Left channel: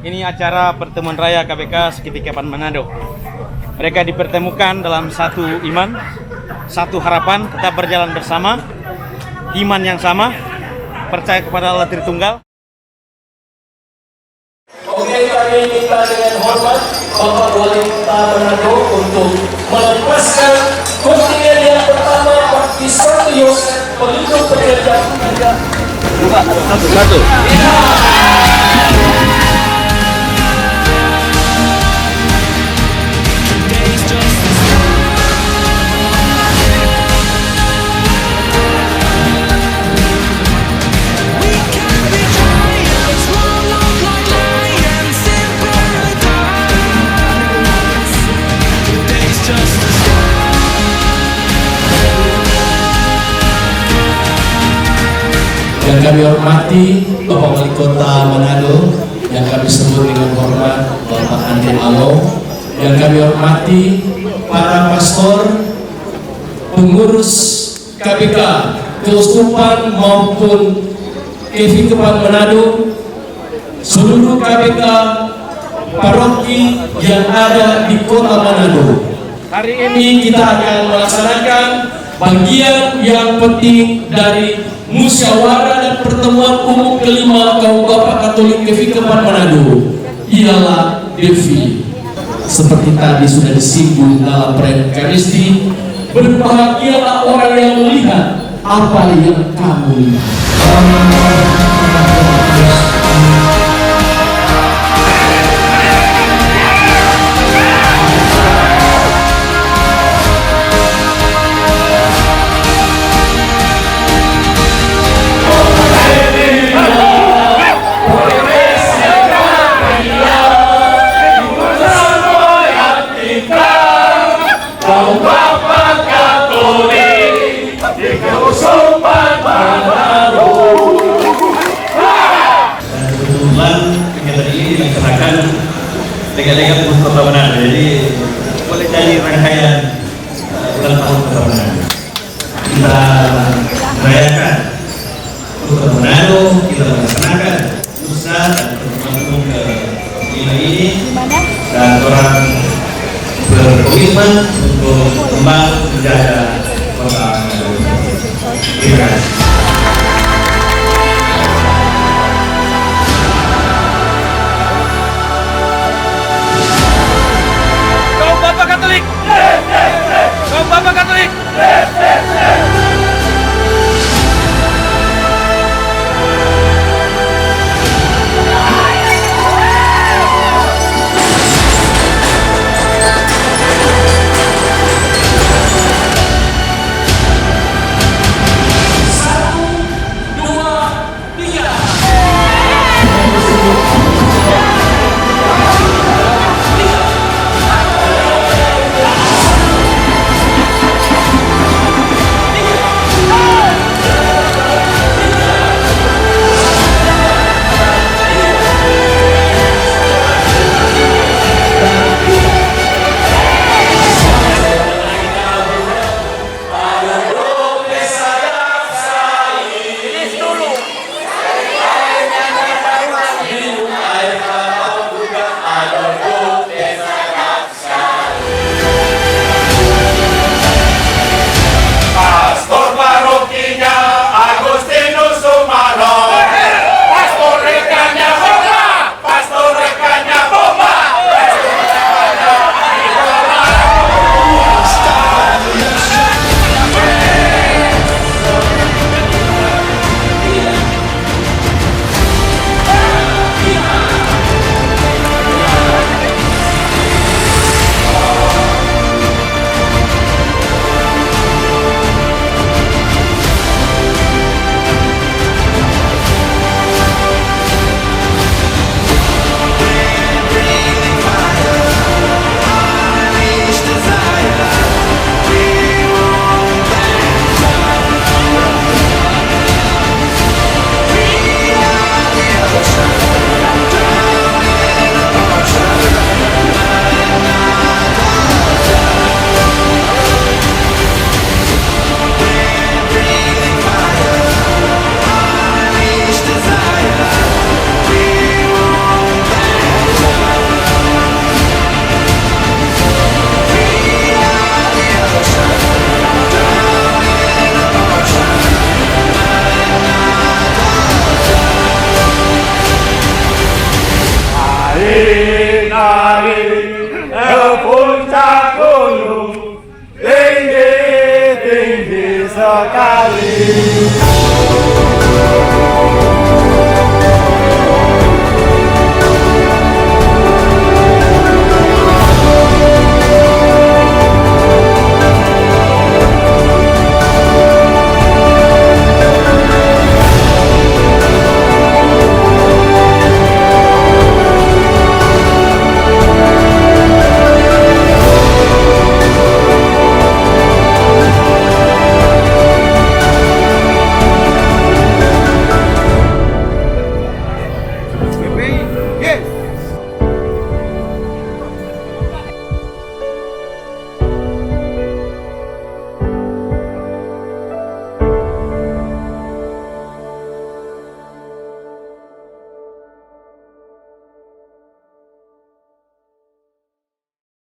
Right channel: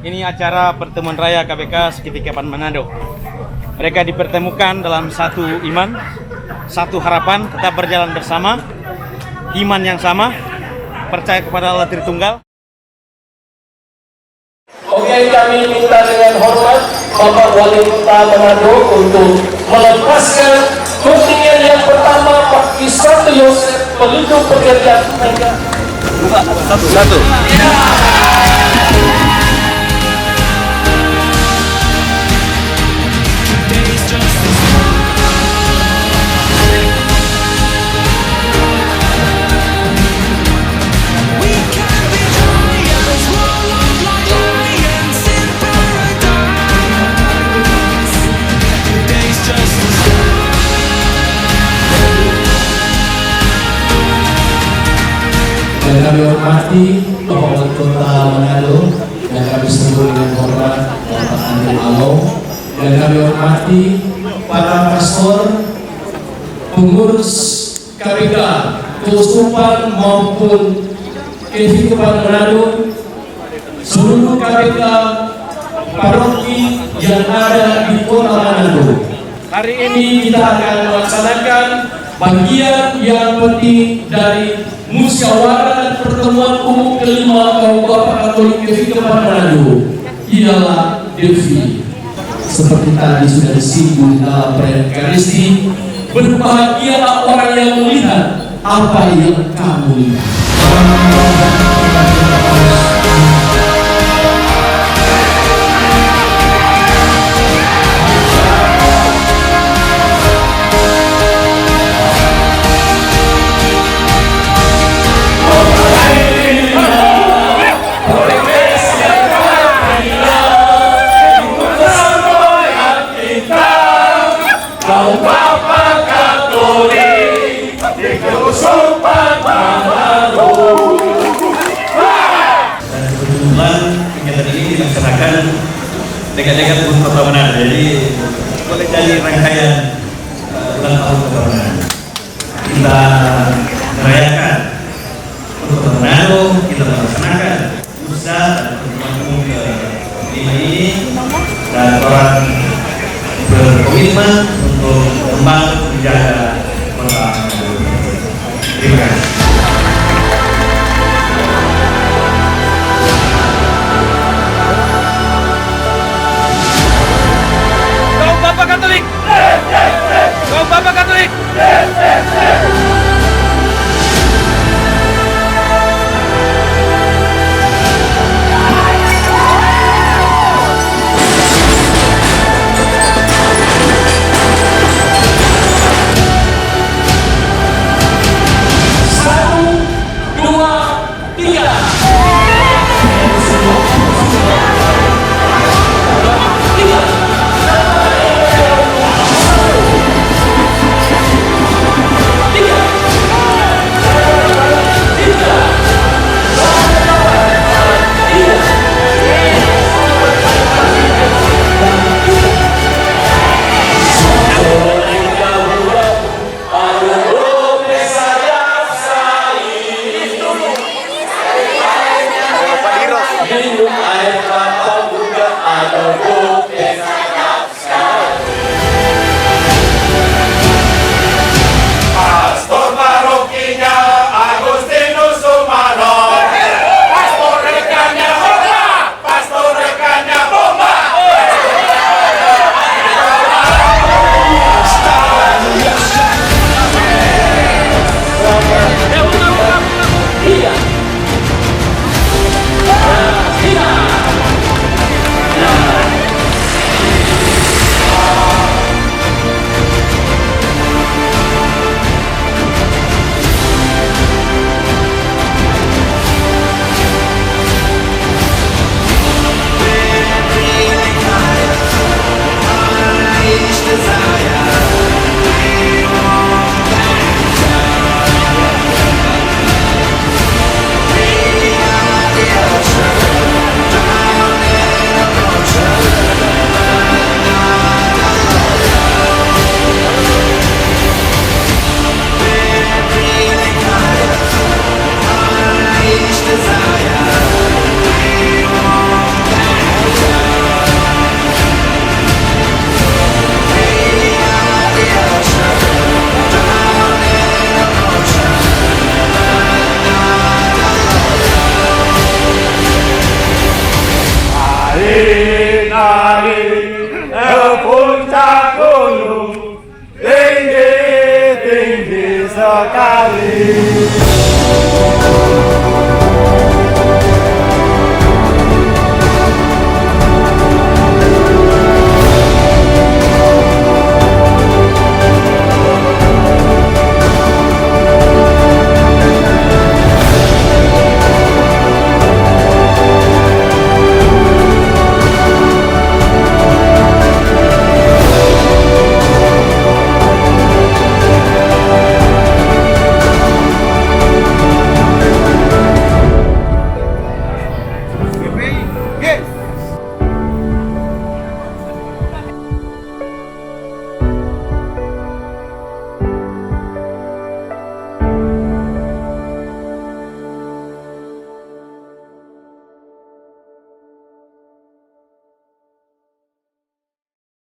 Ini acara pertemuan raya KBK Sekitikepan Manado. Mereka dipertemukan dalam satu iman, satu harapan, tetap berjalan bersama, iman yang sama, percaya kepada Allah Tritunggal. Oke, kami minta dengan hormat Bapak Wali Kota Manado untuk melepaskan kontingen yang pertama, Pak Isranto Yosef, pelindung pekerja tenaga. Satu. Yang kami hormati Bapak Wali Kota Manado, yang kami sambut dengan hormat Bapak Andi Alo, yang kami hormati para paspor, pengurus KPK, Keuskupan maupun Kehidupan Manado, seluruh KPK paroki yang ada di Kota Manado. Hari ini kita akan melaksanakan bagian yang penting dari musyawarah dan pertemuan umum kelima kaum bapak Katolik Kehidupan Manado, ialah Delphi. Seperti tadi sudah disinggung dalam perayaan Ekaristi, berbahagialah orang yang melihat apa yang kamu lihat. Kegiatan ini dilaksanakan dekat-dekat Kota Manado, jadi boleh jadi rangkaian ulang tahun Kota Manado. Kita merayakan Kota Manado, kita melaksanakan usaha dan pertemuan umum ke-5 ini, dan orang berkomitmen untuk membangun menjaga Kota Manado. Terima kasih. Kaum Bapak Katolik, nari puncak gunung tinggi sekali.